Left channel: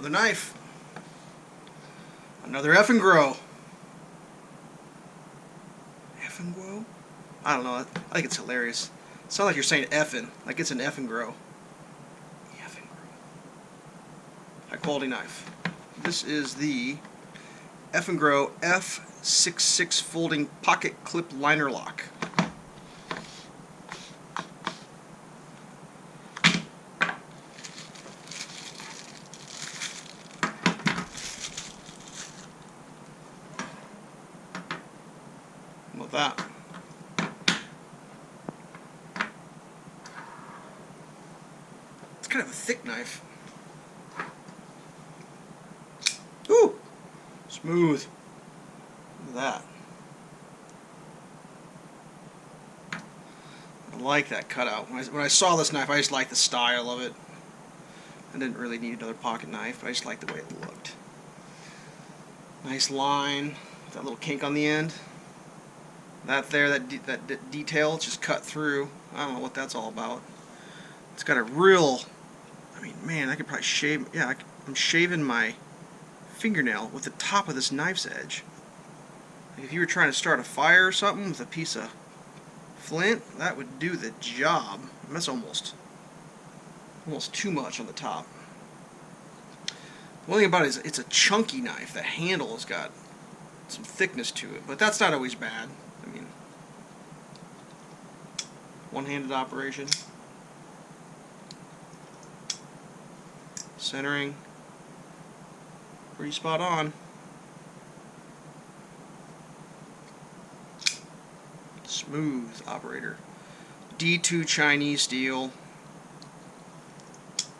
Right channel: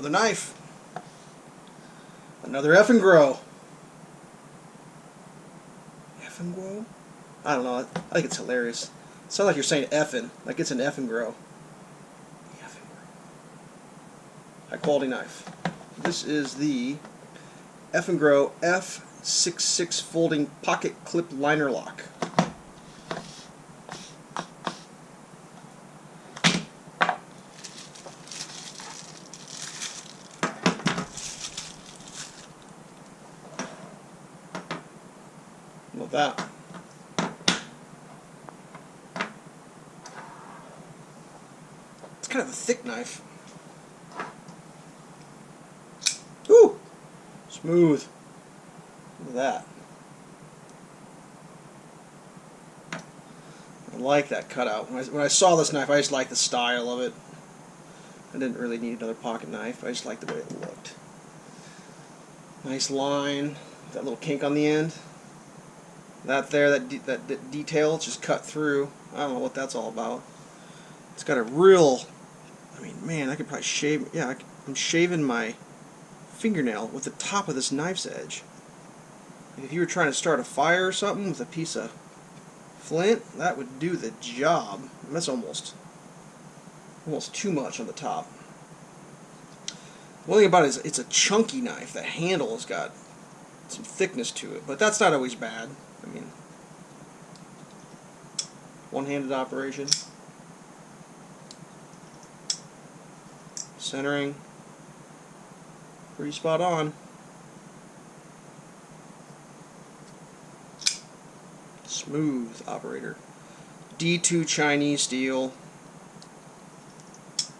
Another knife. Another Eafengrow. Eafengrow? I don't know. I think it's hilarious. It sounds like you're saying effin', like it's an Eafengrow. Eafengrow. High quality knife. This is the Eafengrow EF66 folding pocket clip liner lock. Love that. It's kind of a thick knife. Ooh! Smooth. Look at that. I like that cutout. When I saw this knife, I just liked the style of it. I didn't really need another pocket knife. I just liked the way it looked. Nice line. That little kink on the end. That there, that detail, it's just cut through. I don't know what that's all about. It's got a real, I mean, man, I could probably shave, yeah, I'm shaving my fingernail with the top of this knife's edge. Like if you were trying to start a fire or something with a piece of flint, that would do the job. And that's almost too much on the top. The one thing about it is it's a chunky knife. The handle has got some thickness to it, but that's not always bad. I mean, one-handed operation. Centering. Pretty spot on. Smooth operator. D2 Chinese steel.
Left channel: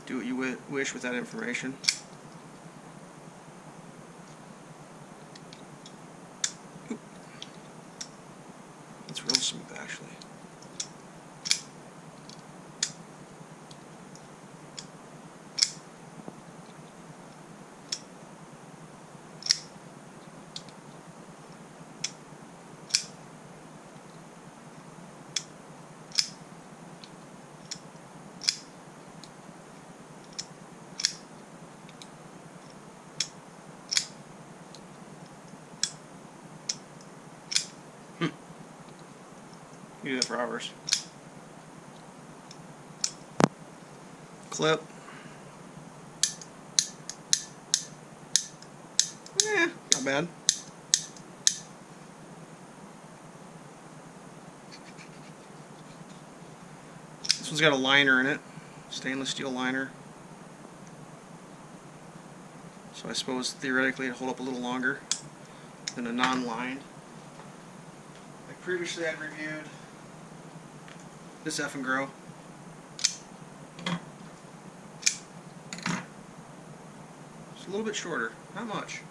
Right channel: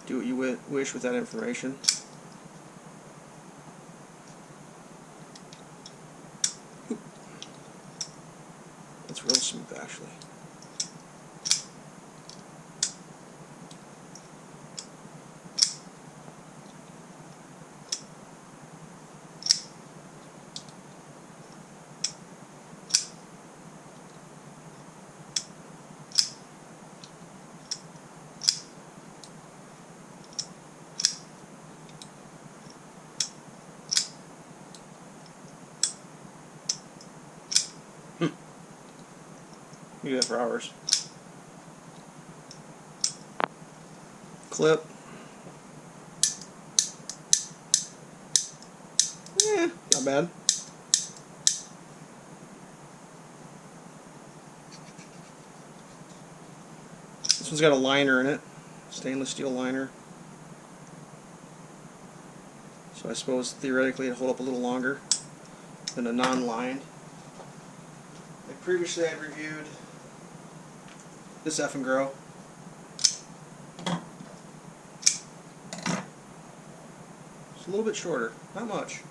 Do what you wish with that information. Oop. That's real smooth, actually. You do that for hours. Clip. Not bad. This one's got a liner in it. Stainless steel liner. So I suppose theoretically it'd hold up a little longer than a non-lined. Previously I'd reviewed this Eafengrow. It's a little bit shorter, not much.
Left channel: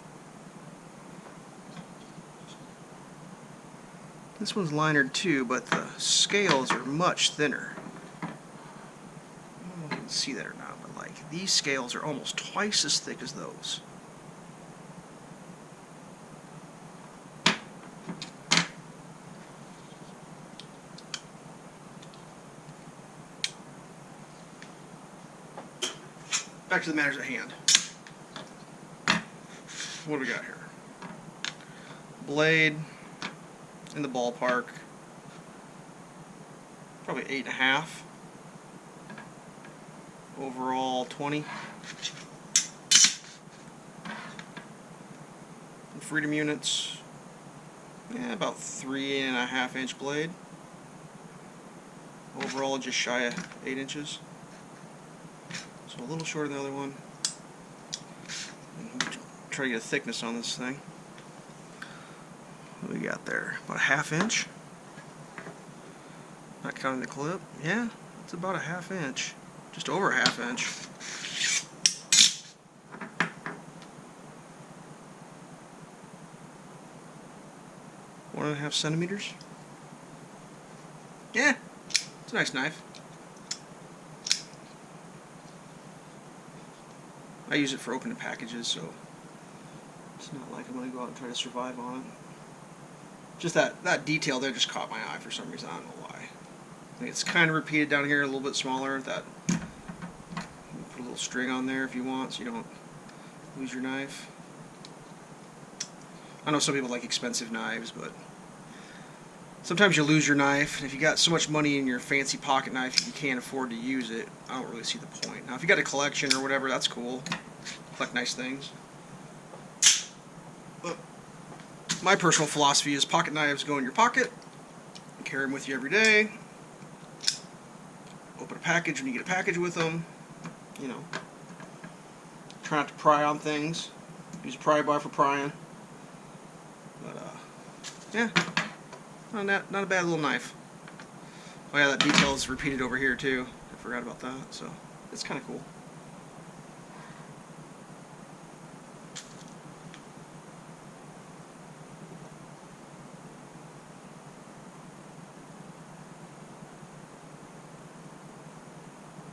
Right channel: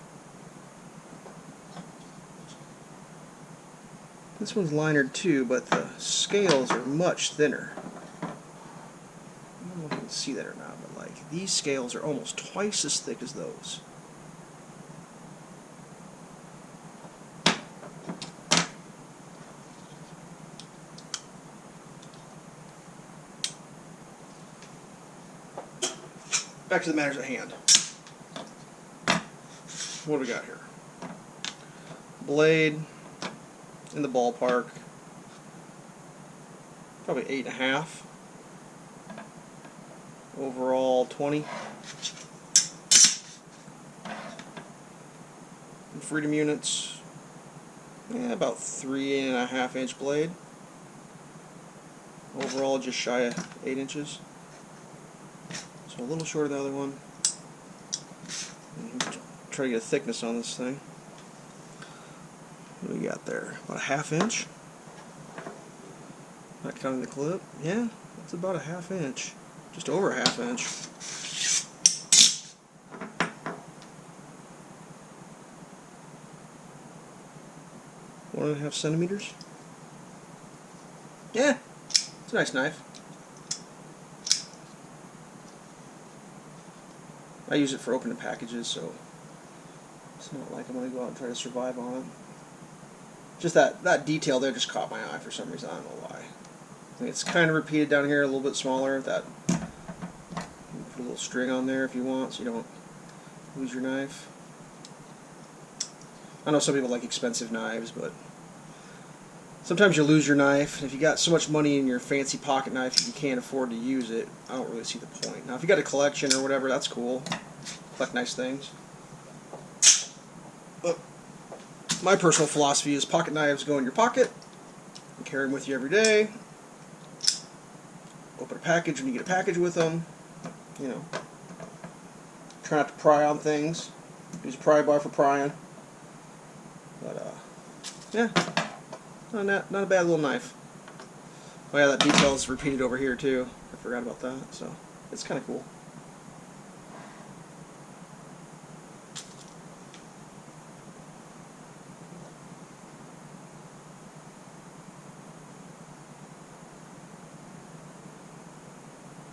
This one's linered too, but the scales are much thinner. I don't know if you can see that or not, but like these scales are almost twice as thick as those. Back to the matters at hand. What do we got here? Blade in the ballpark, probably 8.5. Overall 20. And Freedom units, about 3.5 inch blade. Overall just shy of 8 inches. So a little shorter than the other one. And try to get a thickness on this thing. What do we got there? About a 1/2 inch? Not counting the clip. Yeah, that's about a 1/2 inch. Just over a 1/2 inch. 1.5 centimeters. Yeah, it's a nice knife. I use it for opening packages, so it's not like I'm going to go out and try to survive on it. Just that detail there just caught my eye for some reason. I don't know why. I think it's kind of repeated down here, a little bit smaller. That, put a little string on there if you want, so you don't Lose your knife. I know some people like expensive knives, but sometimes you lose your knife, and if you got so much money in your fancy pocket knife that you can't afford to use it, I don't really see the point. Now, if you got a collection or whatever, that's cool. Collect nice things. But my personal philosophy is pocket knives go in your pocket and carry them with you every day. Open a package when you get a package with them. You know, try not to pry on things. Use a pry bar for prying. But yeah, not a bad little knife. Oh yeah, that detail is repeated over here too. I forgot about that. So it's kind of cool.